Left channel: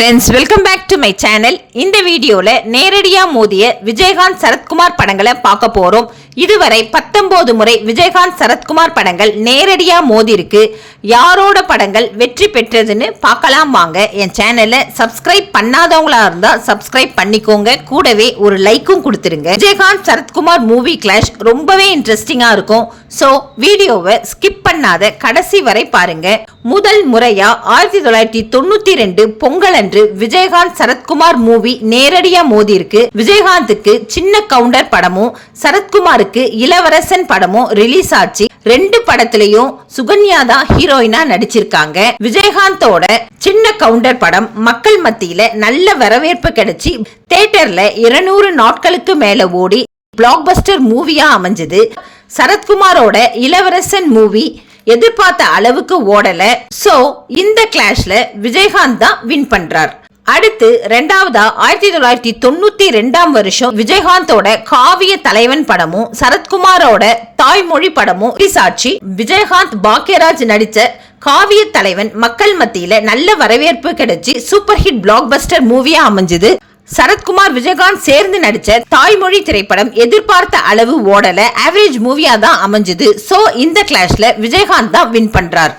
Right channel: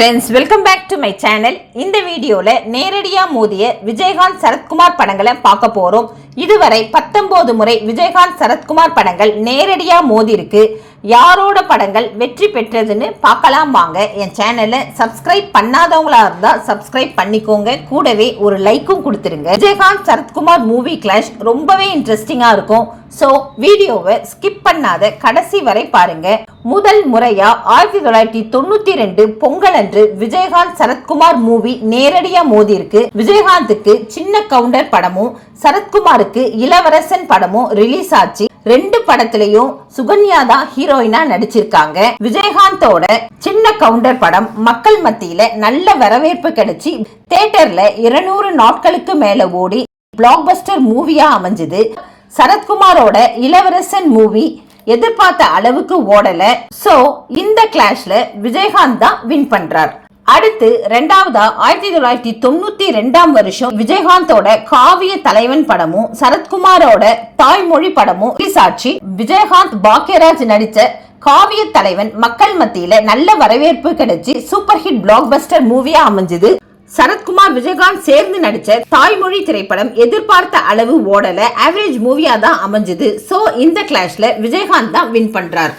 Friends welcome back to my channel இந்த வீடியோவில் நேரடியாக மோதிய விஜயகாந்த் சரத்குமார் படங்களை பார்க்க போகிறோம் இதுவரை பத்தொம்போது முறை விஜயகாந்த் சரத்குமார் படங்கள் நேரடியாக மோதிருக்கு யாரோட படங்கள் வெற்றி பெற்றதுன்னு பார்க்கலாம் வாங்க. என் சேனலை சப்ஸ்கிரைப் பண்ணாதவங்களா இருந்தால் சப்ஸ்கிரைப் பண்ணிக்கோங்க. கூடவே ஒரு லைக்கும் கொடுத்துருங்க. விஜயகாந்த் சரத்குமார் மூவி கிளாஷ் ரொம்பவே இன்ட்ரெஸ்டிங்காக இருக்கும். ஸோ வீடியோவை ஸ்கிப் பண்ணாத கடைசி வரை பாருங்க. முதல் முறையாக ஆயிரத்தி தொள்ளாயிரத்தி தொண்ணூற்றி ரெண்டு பொங்கல் அன்று விஜயகாந்த் சரத்குமார் மூவி நேரடியா மோதிருக்கு விஜயகாந்துக்கு சின்ன கவுண்டர் படமும் சரத்குமாருக்கு இளவரசன் படமும் ரிலீஸ் ஆச்சு. ரெண்டு படத்திலையும் சுகன்யா தான் ஹீரோயினா நடிச்சிருக்காங்க. விஜயகாந்தோட சின்ன கவுண்டர் படம் மக்கள் மத்தியில நல்ல வரவேற்பு கிடைச்சி தியேட்டர்ல இருநூறு நாட்களுக்கு மேல ஓடி பிளாக்பஸ்டர் மூவியா அமைஞ்சது. சரத்குமாரோட இளவரசன் மூவி எதிர்பார்த்த அளவுக்கு ஓடல. சோ இந்த கிளாஷ்ல விஜயகாந்த் தான் வின் பண்றார். அடுத்து ரெண்டாவதா ஆயிரத்தி தொள்ளாயிரத்தி தொண்ணூத்தி ரெண்டாம் வருஷம் விஜயகாந்தோட காவிய தலைவன் படமும் சரத்குமாரோட தாய்மொழி படமும் சாட்சி விஜயகாந்த் பாக்யராஜ் நடிச்ச காவிய தலைவன் மக்கள் மத்தியில நல்ல வரவேற்பு கிடைச்சி சூப்பர் ஹிட் பிளாக் பஸ்டர் மூவியா அமைஞ்சது. சரத்குமார் விஜயகாந்த் சேர்ந்து நடிச்ச தாய்மொழி திரைப்படம் எதிர்பார்த்த அளவு ஓடல. ஆவரேஜ் மூவியா தான் அமைஞ்சது. சோ இந்த கிளாஷ்ல விஜயகாந்த் தான் வின் பண்றார்.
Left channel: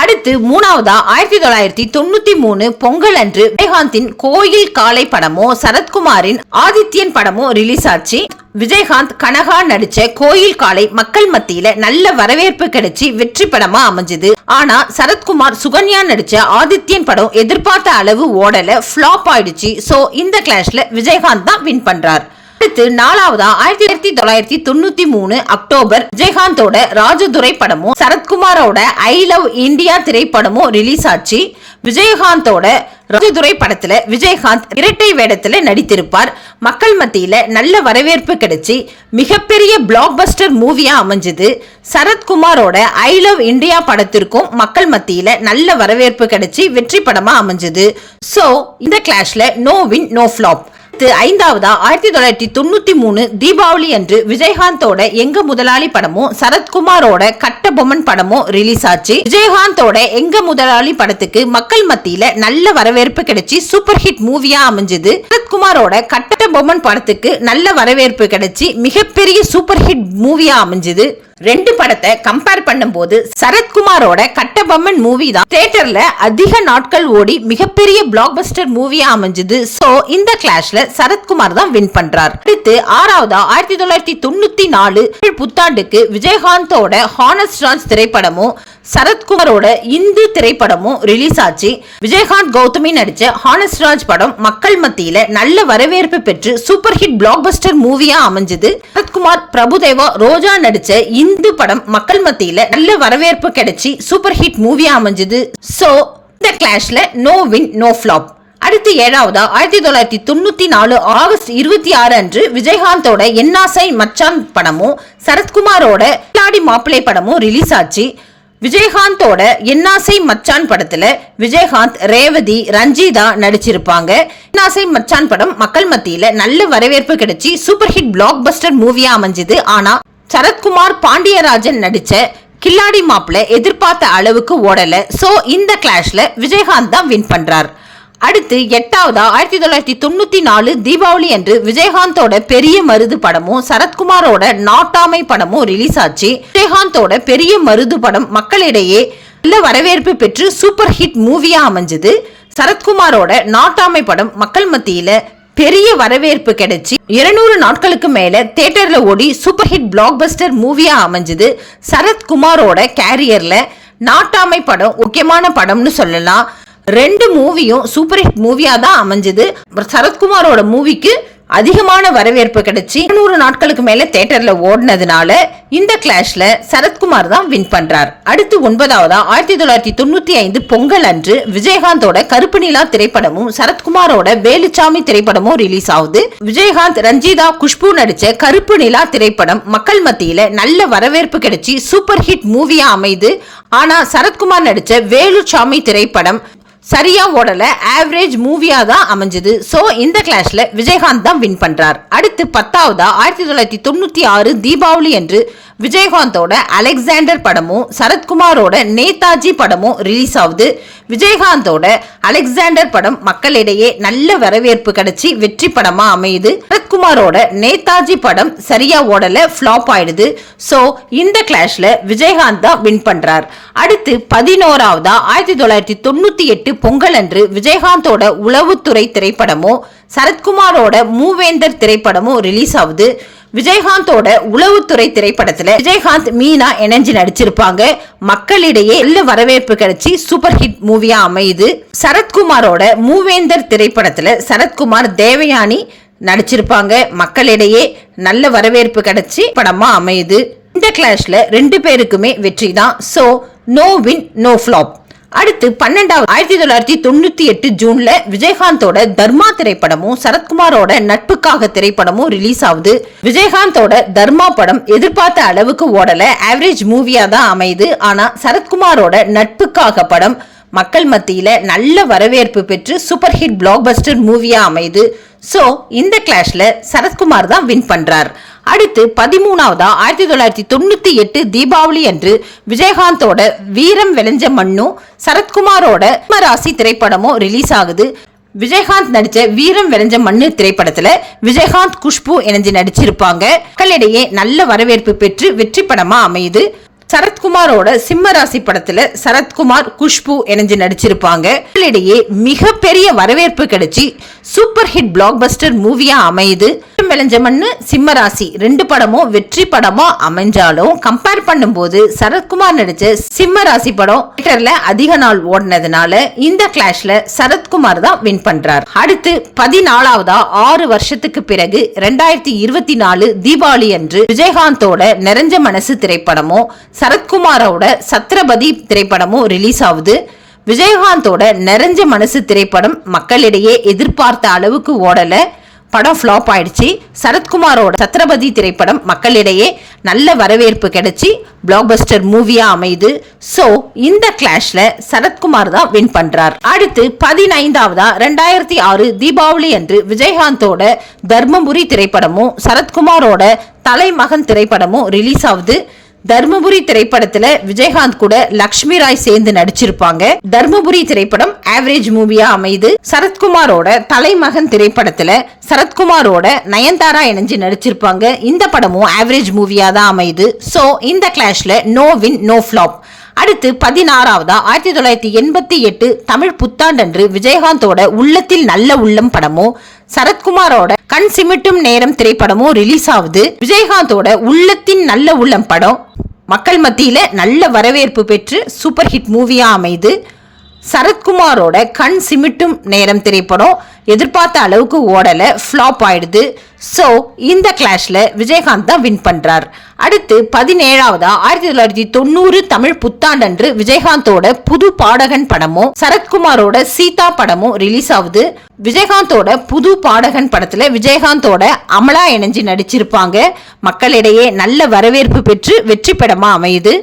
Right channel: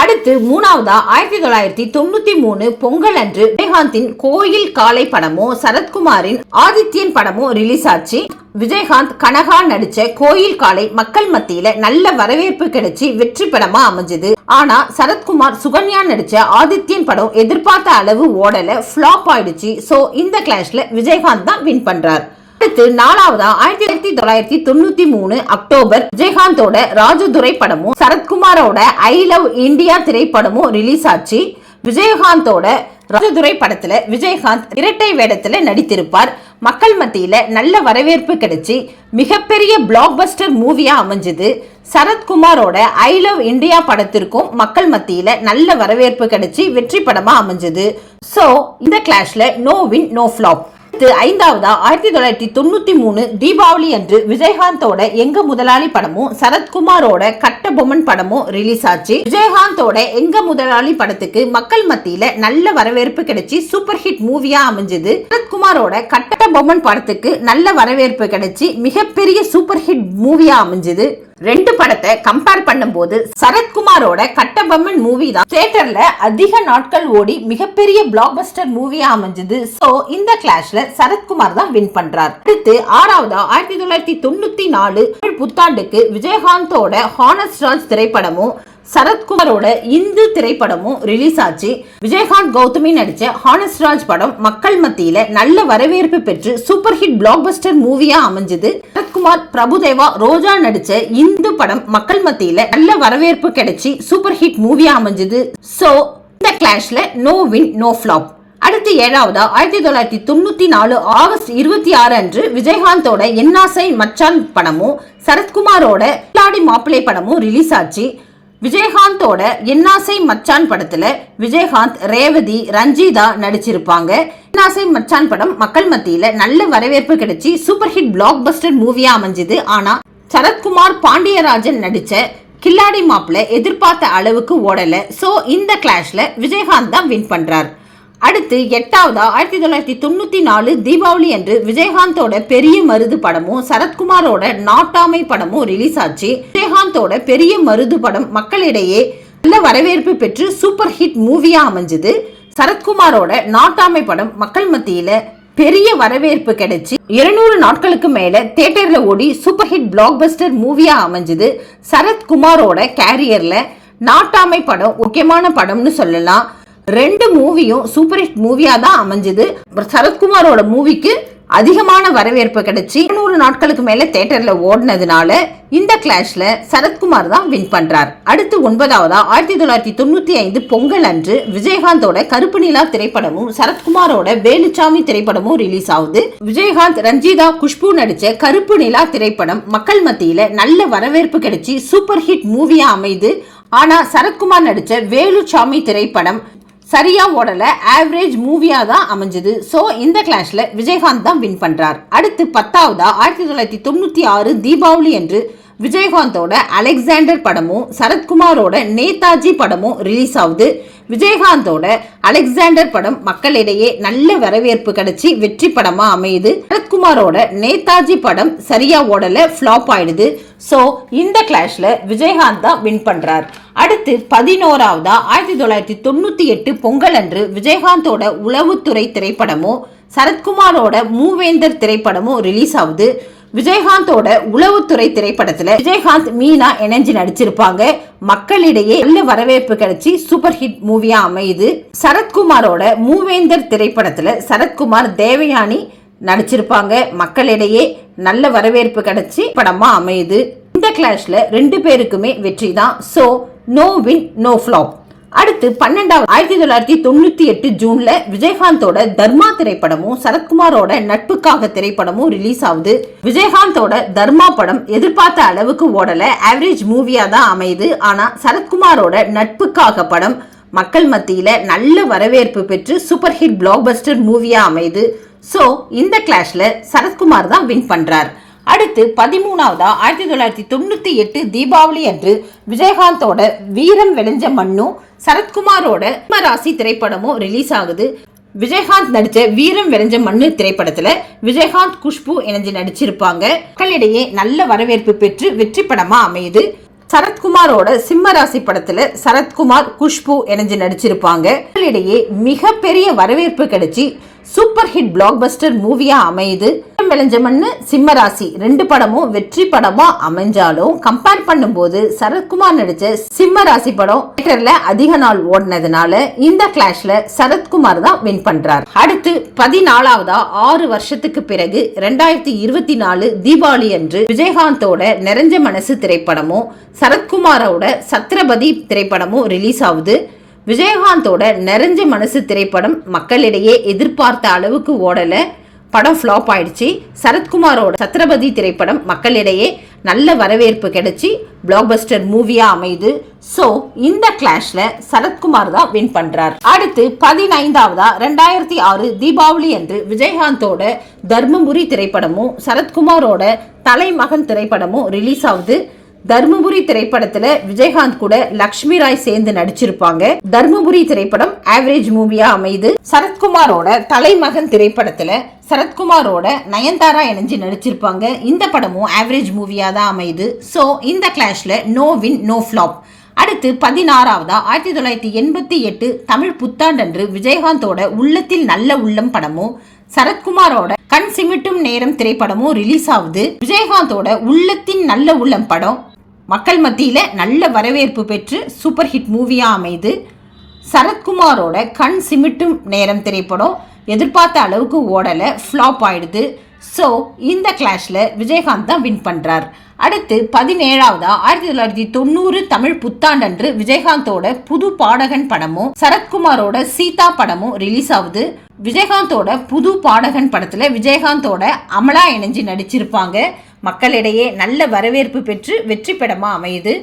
அடுத்து மூணாவதா? ஆயிரத்தி தொள்ளாயிரத்தி தொண்ணூத்தி மூணு பொங்கல் அன்று விஜயகாந்தின் கோயில் காலை படமோ சரத்குமாரின் ஆதித்யன் படமோ ரிலீஸ் ஆச்சு. விஜயகாந்த் கனகா நடிச்ச கோயில் காலை மக்கள் மத்தியில நல்ல வரவேற்பு கிடைச்சி வெற்றி படமா அமைஞ்சது. ஆனா சரத்குமார் சுகன்யா நடிச்ச ஆதித்யன் படம் எதிர்பார்த்த அளவு ஓடல ஃபிளாப் ஆயிடுச்சு. சோ இந்த கிளாஷ்ல விஜயகாந்த் தான் வின் பண்றார். அடுத்து நாலாவதா ஆயிரத்தி ஆயிரத்தி தொள்ளாயிரத்தி தொண்ணூத்தி மூணு அக்டோபர் விஜயகாந்தோட ராஜதுரை படமும் சரத்குமாரோட ஐ லவ் இந்தியா திரைப்படமும் ரிலீஸ் ஆச்சு. விஜயகாந்தோட ராஜதுரை படத்துல விஜயகாந்த் இரட்டை வேடத்துல நடித்திருப்பார். மக்கள் மத்தியில நல்ல வரவேற்பு கிடைச்சி மிகப்பெரிய பிளாக் பஸ்டர் மூவியா அமைஞ்சது. சரத்குமாரோட ஐ லவ் இந்தியா படத்திற்கும் மக்கள் மத்தியில நல்ல வரவேற்பு கிடைச்சி வெற்றி படமா அமைஞ்சது. சோ இந்த கிளாஷ்ல நோ வின் நோ ஃபிளாப் ஐந்தாவதா? ஆயிரத்தி தொள்ளாயிரத்தி தொண்ணூத்தி மூணு தீபாவளி அன்று விஜயகாந்தோட எங்க முதலாளி படமும் சரத்குமாரோட கட்ட பொம்மன் படமும் ரிலீஸ் ஆச்சு. விஜயகாந்தோட எங்க முதலாளி படத்துக்கு மக்கள் மத்தியில நல்ல வரவேற்பு கிடைச்சி சூப்பர் ஹிட் மூவியா அமைஞ்சது. சரத்குமாரோட கட்ட பொம்மன் படத்துக்கு நல்ல வரவேற்பு கிடைச்சி மிகப்பெரிய சூப்பர் ஹிட் மூவியா அமைஞ்சது. ரெண்டு படத்தை கம்பேர் பண்ணும்போது சரத்குமாரோட கட்டபொம்மன் மூவி தான். தியேட்டர்ல அதிக நாட்கள் ஓடி மிகப்பெரிய பிளாக் பஸ்டர் மூவியா அமைஞ்சது. சோ இந்த கிளாஷ்ல சரத்குமார் தான் வின் பண்றார். அடுத்து ஆறாவதா ஆயிரத்தி தொள்ளாயிரத்தி தொண்ணூத்தி நாலு புத்தாண்டுக்கு விஜயகாந்தோட ஹானஸ்ட் ராஜ் திரைப்படமும் சரத்குமாரோட இந்து திரைப்படமும் ரிலீஸ் ஆச்சு. விஜயகாந்த் கௌதமி நடிச்ச ஹானஸ்ட் ராஜ் படம் மக்கள் மத்தியில நல்ல வரவேற்பு பெற்று சூப்பர் ஹிட் பிளாக் பஸ்டர் மூவியா அமைஞ்சது. சரத்குமார் பிரபுதேவா ரோஜா நடிச்ச இந்து படம் மக்கள் மத்தியில நல்ல வரவேற்பு கிடைச்சி சூப்பர் ஹிட் மூவியா அமைஞ்சது. சோ இந்த கிளாஷ்ல நோ வின் நோ ஃபிளாப் அடுத்து ஏழாவதா? ஆயிரத்தி தொள்ளாயிரத்தி தொண்ணூத்தி நாலு ஆகஸ்ட் இருபத்தி ஆறு அன்று விஜயகாந்தோட என்னாசை மச்சான் படமும் சரத்குமாரோட கில்லாடி மாப்பிள்ளை படமும் ரிலீஸ் ஆச்சு. விஜயகாந்தோட என்னாசை மச்சான் படத்துல விஜயகாந்த் ரேவதி ரஞ்சிதா நடிச்சிருப்பாங்க. என்னாசை மச்சான் படம் மக்கள் மத்தியில நல்ல வரவேற்பு கிடைச்சி சூப்பர் ஹிட் பிளாக் பஸ்டர் மூவியா அமைஞ்சது. ஆனா சரத்குமார் பாண்டியராஜன் நடிச்ச கில்லாடி மாப்பிள்ள எதிர்பார்த்த அளவுக்கு ஓடல. சோ இந்த கிளாஷ்ல விஜயகாந்த் தான் வின் பண்றார். அடுத்து எட்டாவதா? ஆயிரத்தி தொள்ளாயிரத்தி தொண்ணூத்தி நாலு தீபாவளி அன்று விஜயகாந்தோட பெரிய மருது படமும் சரத்குமாரோட நாட்டாமை படமும் ரிலீஸ் ஆச்சு. விஜயகாந்தோட பெரிய மருது படம் மக்களிடையே நல்ல வரவேற்பு பெற்று சூப்பர் ஹிட் மூவியா அமைஞ்சது. சரத்குமாரோட நாட்டாமை படம் மக்கள் மத்தியில பெரிய வரவேற்பு கிடைச்சி இருநூறு நாட்களுக்கு மேல தியேட்டர்ல ஓடி சூப்பர் ஹிட் பிளாக் பஸ்டர் மூவியா அமைஞ்சது சரத்குமாரோட கேரியர்ல நாட்டாமை படம் முக்கியமான படம்னு சொல்லலாம். ரெண்டு மூவியும் சூப்பர் ஹிட் மூவியா தான் அமைஞ்சது. சரத்குமாரோட மூவிக்கு அதிகமான வரவேற்பு கிடைச்சி நூறு நாட்களுக்கு மேல தியேட்டர்ல ஓடினதுனால இந்த கிளாஷ்ல சரத்குமார் தான் வின் பண்றார். அடுத்து ஒன்பதாவதா ஆயிரத்தி தொள்ளாயிரத்தி தொண்ணூத்தி ஐந்து பொங்கல் அன்று விஜயகாந்தோட கருப்பு நிலா திரைப்படமும் சரத்குமாரோட வேலுச்சாமி திரைப்படமும் ரிலீஸ் ஆகுது. விஜயகாந்த் ரஞ்சிதா குஷ்பு நடிச்ச கருப்பு நிலா திரைப்படம் மக்கள் மத்தியில நல்ல வரவேற்பு கிடைச்சி சூப்பர் ஹிட் மூவியா அமைது. ஆனா சரத்குமார் நடிச்ச வேலுச்சாமி திரைப்படம் சரியா ஓடல ஆவரேஜ் மூவியா தான் அமைஞ்சது. சோ இந்த கிளாஷ்ல விஜயகாந்த் தான் வின் பண்றார். அடுத்து பத்தாவதா ஆயிரத்தி தொள்ளாயிரத்தி தொண்ணூத்தி ஆறு தீபாவளி அன்று விஜயகாந்தோட அலெக்சாண்டர் படமும் சரத்குமாரோட நேதாஜி படமும் ரிலீஸ் ஆகுது. விஜயகாந்தோட அலெக்சாண்டர் படம் மக்களிடையே நல்ல வரவேற்பு கிடைச்சி வெற்றி படமா அமையுது. சரத்குமாரோட நேதாஜி படம் சரியா ஓடல ஃபிளாப் ஆயிடுது. சோ இந்த கிளாஷ்ல விஜயகாந்த் தான் வின் பண்றார். அடுத்து பதினோராவதா ஆயிரத்தி தொள்ளாயிரத்தி தொண்ணூத்தி எட்டு பொங்கல் அன்று விஜயகாந்தோட உளவுத்துறை திரைப்படமும் சரத்குமாரோட மூவேந்தர் திரைப்படமும் ரிலீஸ் ஆகுது. விஜயகாந்தோட உளவுத்துறை திரைப்படத்துல விஜயகாந்த் மீனா இணைஞ்சு நடிச்சிருப்பாங்க. மக்களிடையே நல்ல வரவேற்பு கிடைச்சி சூப்பர் ஹிட் மூவியா அமையுது. சரத்குமாரோட மூவேந்தர் திரைப்படத்துல சரத்குமார் தேவயானி நடிச்சிருப்பாங்க. மக்களிடையே நல்ல வரவேற்பு கிடைச்சி படமா அமையுது. இந்த கிளாஷ்ல ரெண்டு பேருக்குமே வெற்றி தான். So no win no flop அடுத்து பன்னெண்டாவது. ஆயிரத்தி தொள்ளாயிரத்தி தொண்ணூத்தி எட்டு ஜூன்ல விஜயகாந்தோட தர்மா திரைப்படமும் சரத்குமாரோட நட்புக்காக திரைப்படமும் ரிலீஸ் ஆகுது. விஜயகாந்தோட தர்மா படம் எதிர்பார்த்த அளவுக்கு ஓடல. ஆவரேஜ் மூவியா தான் அமையுது. ஆனா சரத்குமாரோட நட்புக்காக படம் மக்கள் மத்தியில நல்ல வரவேற்பு பெற்று சூப்பர் ஹிட் பிளாக் பஸ்டர் மூவியா அமையுது. சோ இந்த கிளாஷ்ல சரத்குமார் தான் வின் பண்றார். அடுத்து பதிமூணாவதா? ஆயிரத்தி தொள்ளாயிரத்தி தொண்ணூத்தி எட்டு தீபாவளி அன்று விஜயகாந்தோட வீரம் விளைஞ்ச மண்ணும் சரத்குமாரோட ராசி திரைப்படமும் ரிலீஸ் ஆகுது. விஜயகாந்த் நடிச்ச வீரம் விளைஞ்ச மண்ணு திரைப்படத்துல விஜயகாந்த் குஷ்பு இணைஞ்சு நடிச்சிருப்பாங்க. மக்களிடையே நல்ல வரவேற்பு பெற்று வெற்றி படமா அமையுது. சரத்குமாரோட சிம்ம ராசி படத்துல சரத்குமார் குஷ்பு இணைஞ்சு நடிச்சிருப்பாங்க. மக்களிடையே மிகப்பெரிய வரவேற்பு கிடைச்சி சூப்பர் ஹிட் பிளாக் பஸ்டர் மூவியா அமையுது விளைஞ்ச மண்ணு சிம்ம ராசி. ரெண்டு படமும் வெற்றி படமா அமைஞ்சாலும் கம்பேர் பண்ணும்போது சரத்குமார் நடிச்ச சிம்ம ராசி படம் தியேட்டர்ல அதிக நாள் ஓடினதுனால இந்த கிளாஷ்ல சரத்குமார் தான் வின் பண்றார். அடுத்து பதினாலாவதா ஆறு வருஷத்துக்கு பிறகு ரெண்டாயிரத்தி இருபத்தி நாலு தீபாவளி அன்று விஜயகாந்தோட நிறைஞ்ச மனசு திரைப்படமும் சரத்குமாரோட சத்ரபதி திரைப்படமும் ரிலீஸ் ஆகுது. விஜயகாந்தோட நிறைஞ்ச மனசு திரைப்படம் மக்களிடையே எதிர்பார்த்த அளவுக்கு ஓடல. படம் ஃப்ளாப் ஆயிடுச்சு. சரத்குமாரோட சத்ரபதி திரைப்படம் மக்களிடையே நல்ல வரவேற்பு கிடைச்சி. பிளாக்பஸ்டர் மூவியா அமையுது. ஸோ இந்த கிளாஷ்ல சரத்குமார் தான் வின் பண்றார். அடுத்து பதினைந்தாவதா ரெண்டாயிரத்தி ஆறு தீபாவளி அன்று விஜயகாந்தோட தர்மபுரி திரைப்படமும் சரத்குமாரோட தலைமகன் திரைப்படமும் ரிலீஸ் ஆகுது. தர்மபுரி திரைப்படத்துல விஜயகாந்த் கூட லக்ஷ்மி ராய் சேர்ந்து நடிச்சிருப்பாங்க. தர்மபுரி திரைப்படம் ஆவரேஜ் மூவியா அமையுது. சரத்குமாரோட தலைமகன் திரைப்படத்துல சரத்குமாரோட நயன்தாரா இணைஞ்சு நடிச்சிருப்பாங்க. இந்த படமும் ஆவரேஜ் மூவியா தான் அமையுது. சோ இந்த கிளாஷ்ல நோ வின் நோ ஃபிளாப் அடுத்து பதினாறாவதா ஆயிரத்தி தொள்ளாயிரத்தி எண்பத்தி எட்டு தமிழ் புத்தாண்டன்று விஜயகாந்தோட உள்ளத்தில் நல்ல உள்ளம் படமும் சரத்குமாரோட கண் சிமிட்டும் நேரம் திரைப்படமும் ரிலீஸ் ஆகுது விஜயகாந்தோட உள்ளத்தின் நல்ல உள்ளம் படம். மக்கள் மத்தியில நல்ல வரவேற்பு பெற்று சூப்பர் ஹிட் மூவியா அமைது. சரத்குமாரோட கண் சிமிட்டும் நேரம் திரைப்படம் எதிர்பார்த்த அளவுக்கு ஓடல ஃப்ளாப் ஆயிடுது. ஸோ இந்த கிளாஷ்ல விஜயகாந்த் தான் வின் பண்றார். அடுத்து பதினேழாவதா ஆயிரத்தி தொள்ளாயிரத்தி தொண்ணூறு தமிழ் புத்தாண்டன்று விஜயகாந்தோட புது பாடகன் படமும் சரத்குமாரோட சீதா படமும் ரிலீஸ் ஆகுது. விஜயகாந்தோட புது பாடகன் படத்துல விஜயகாந்தோட அமலா இணைஞ்சு நடிச்சிருப்பாங்க. மக்களிடையே நல்ல வரவேற்பு பெற்று வெற்றி படமா அமையுது.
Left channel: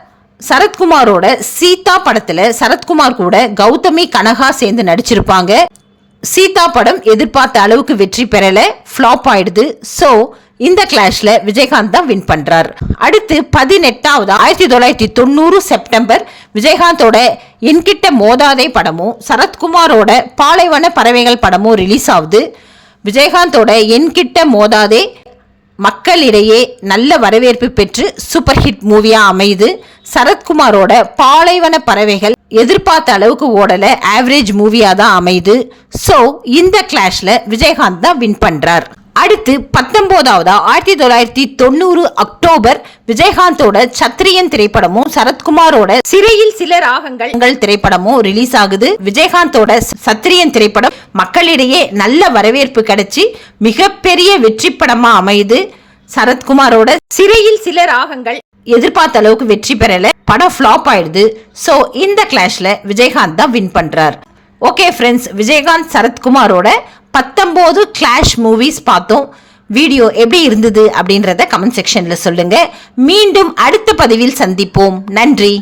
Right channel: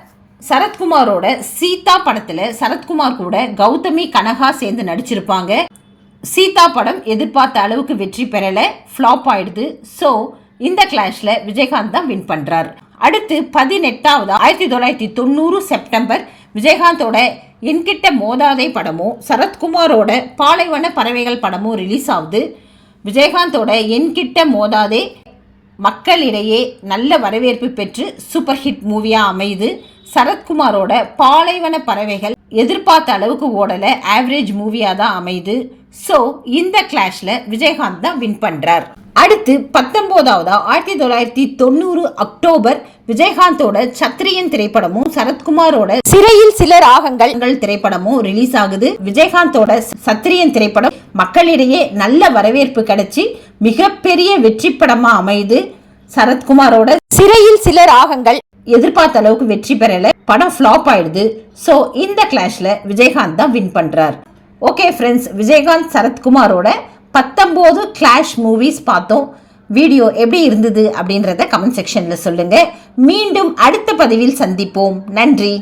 சரத்குமாரோட சீதா படத்துல சரத்குமார் கூட கௌதமி கனகா சேர்ந்து நடிச்சிருப்பாங்க. சீதா படம் எதிர்பார்த்த அளவுக்கு வெற்றி பெறல ஃப்ளாப் ஆயிடுது. ஸோ இந்த கிளாஷ்ல விஜயகாந்த் தான் வின் பண்றார். அடுத்து பதினெட்டாவது ஆயிரத்தி தொள்ளாயிரத்தி தொண்ணூறு செப்டம்பர் விஜயகாந்தோட என்கிட்ட மோதாதை படமும் சரத்குமாரோட பாலைவன பறவைகள் படமும் ரிலீஸ் ஆகுது. விஜயகாந்தோட என்கிட்ட மோதாதே மக்களிடையே நல்ல வரவேற்பு பெற்று சூப்பர் ஹிட் மூவியாக அமையுது. சரத்குமாரோட பாலைவன பறவைகள் எதிர்பார்த்த அளவுக்கு ஓடல. ஆவரேஜ் மூவியாக தான் அமையுது. ஸோ இந்த கிளாஷ்ல விஜயகாந்த் தான் வின் பண்றார். அடுத்து பத்தொன்பதாவதா ஆயிரத்தி தொள்ளாயிரத்தி தொண்ணூறு அக்டோபர் விஜயகாந்தோட சத்திரியன் திரைப்படமும் சரத்குமாரோட சிறையில் சில ராகங்கள் திரைப்படமும் ரிலீஸ் ஆகுது. விஜயகாந்தோட சத்திரியன் திரைப்படம் மக்களிடையே நல்ல வரவேற்பு கிடைச்சி மிகப்பெரிய வெற்றி படமா அமையுது. சரத்குமாரோட சிறையில் சில ராகங்கள் எதிர்பார்த்த அளவுக்கு வெற்றி பெறல. படம் ஃப்ளாப் ஆயிடுது. ஸோ இந்த கிளாஷ்ல விஜயகாந்த் தான் வின் பண்றார். ஓகே ஃப்ரெண்ட்ஸ் விஜயகாந்த் சரத்குமாரோட பத்தொம்போது கிளாஷ் மூவிஸ் பார்த்தோம். வீடியோ எப்படி இருந்தது அப்படின்றத கமெண்ட் செக்ஷன்ல சொல்லுங்க. மீண்டும் அடுத்த பதிவில் சந்திப்போம். நன்றி.